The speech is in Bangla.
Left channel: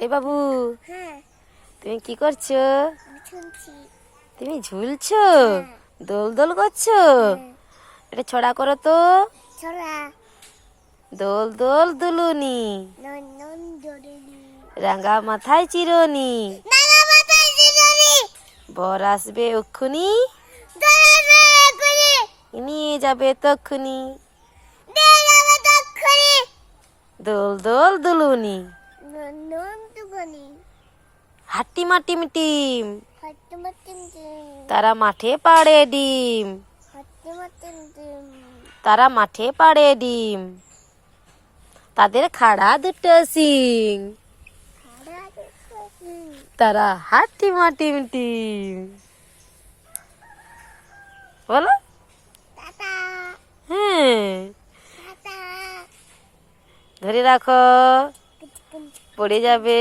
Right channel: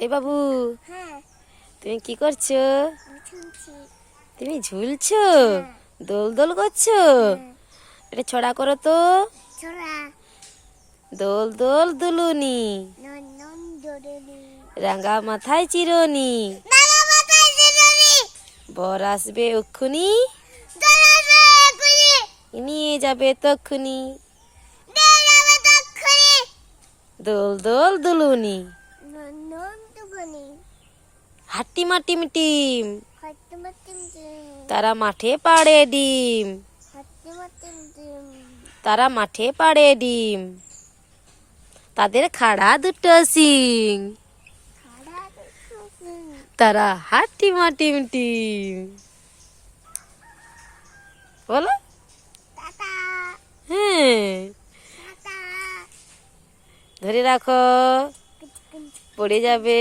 এই বাবু হ্যাঁ। তুমি কি করছ? তুমি ঝুলছো? দোল দোল করছ? এটা ছড়া করো তো। দোল দোল দুলুনি। রাঙা মাথায় চিরনি। বর আসবে করে নিয়ে যাবে তক্ষুনি দোল দোল দুলুনি। হাট্টি মাটি মিটিম হাতে তারা মাঠে পাড়ে ডিম। তারা মাঠে পাড়ে ডিম। তাদের খাড়া দুটো সিং তারা হাট্টি মাটি মিটিম বলো। হ্যাঁ। ধরে রাখো। পড়ে যাবে।